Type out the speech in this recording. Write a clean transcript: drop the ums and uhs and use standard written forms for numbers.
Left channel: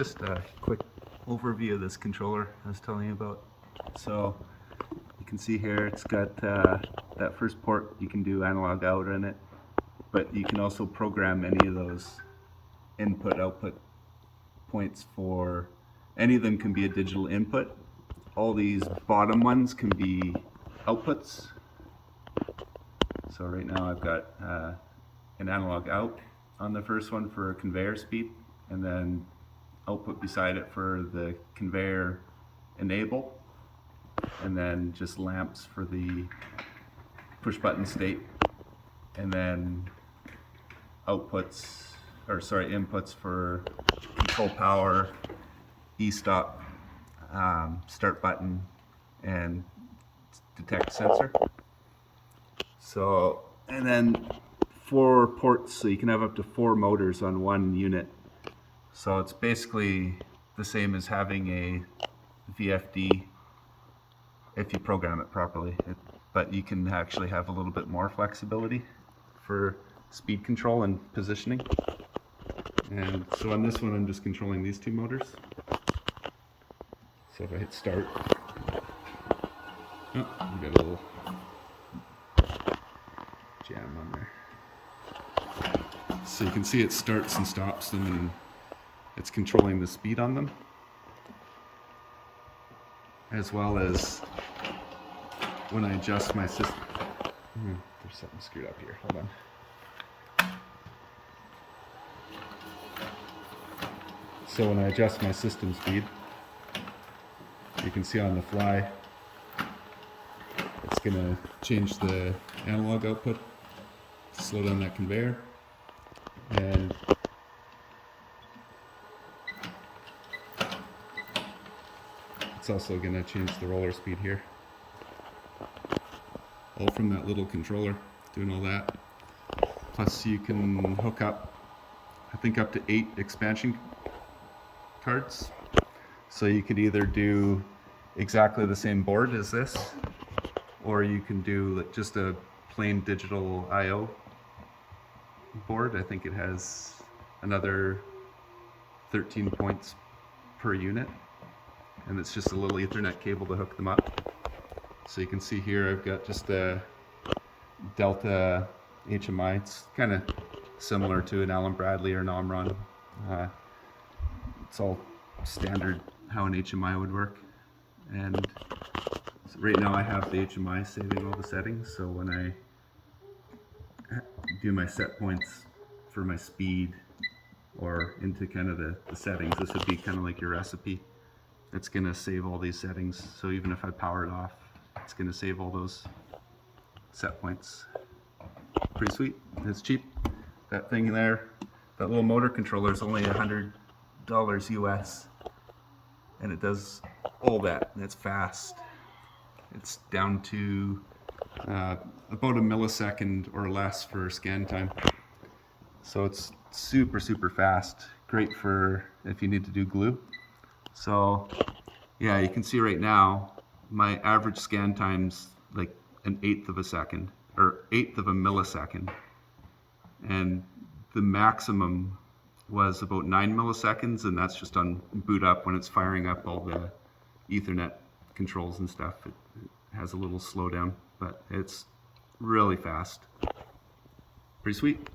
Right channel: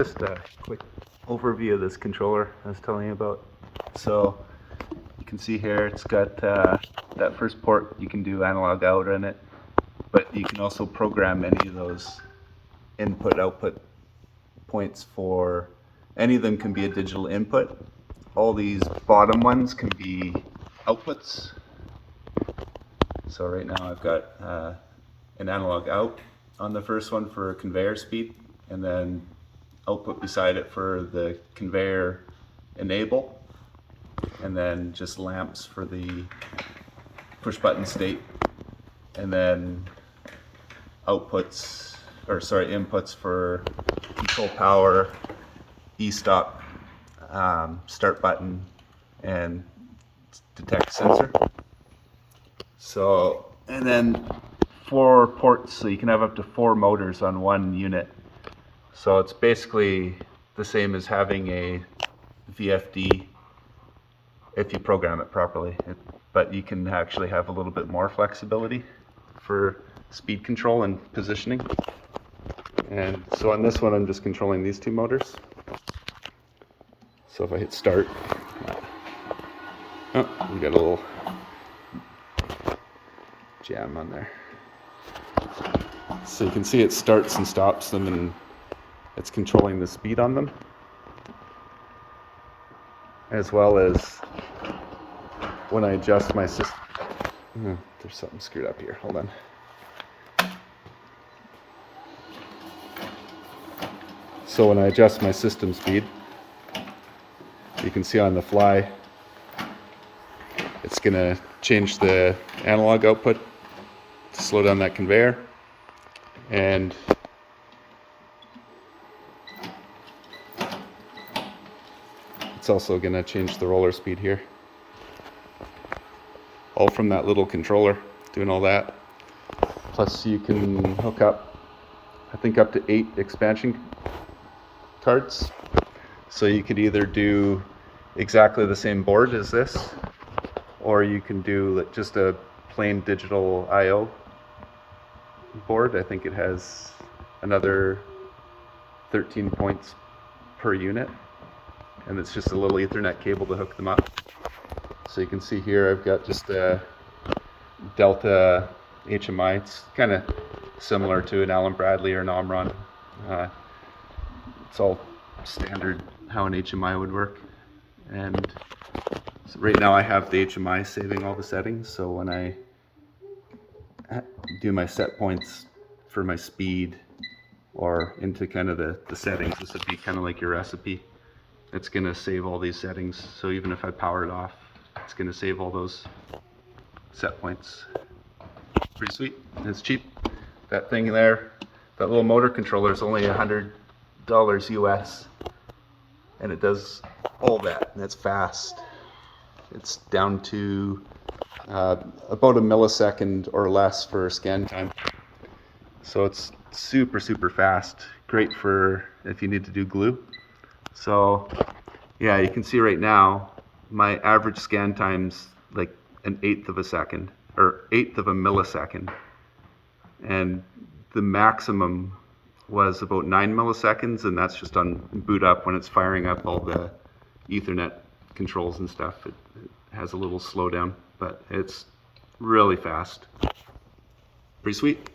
Just a quick overview of this controller I was telling you about. So you can see here it's got that first port. You can do analog out in it, but you can also program any of those input output points. For any of them can be a digital input. All these bottom ones can be outputs. So right now I've got an analog out on the first one for conveyor speed, and then output beside it for the conveyor enable, and then just lamps for the push button state, and then inputs for control power, e-stop, start button, and detect sensor. So, and then 4 ports, so you can have up to 4 motors on one unit. So it's basically the same as having a VFD if you program it properly, but you can actually have a little bit more flexibility for speed control and positioning. And so on this one I'm just controlling these 2 motors. So if I hit start, oh, we got a little jam on there. So you can see it starts and stops them, and it's controlling the speed on them, as well as when I adjust my system. There's something screwed up here, hold on. So when I adjust my system speed, you can see on the fly, it's gonna change the analog output to slow down that conveyor, and it's also going to change the roller speed here. All from that little controller doing all that. Plus you can hook up, I think, up to 8 expansion cards. So you could either do exactly the same board as this, or you can do just a plain digital I/O board. I think it has another 13 points per unit, and it's just a little Ethernet cable to hook them up. So you can see here I've got just a Delta HMI. It's kind of similar to an Allen Bradley or an Omron. It's all standard how an HMI would work. And so right now I have the HMI saving all the settings, so when I do my set points for my speed or into kind of the settings, this would be kind of like your recipe. It's going to save all these settings, so even if I power it off, it's going to save all those set points. Pretty sweet. It's cheap. That thing there, that little motor controller, is only $100 US, and it does all that, and it's fast. It's down to about a millisecond or less for scan time. So it's super fast. Great for if you need to do glue. So yeah, you can see right now my average scan time's like 1/8 of a second, or 1/8 of a millisecond, and the maximum was about 9 milliseconds, and that's just on boot up when it's firing up all the Ethernet controls and stuff. It has a little slowdown, but it's really fast. Pretty sweet.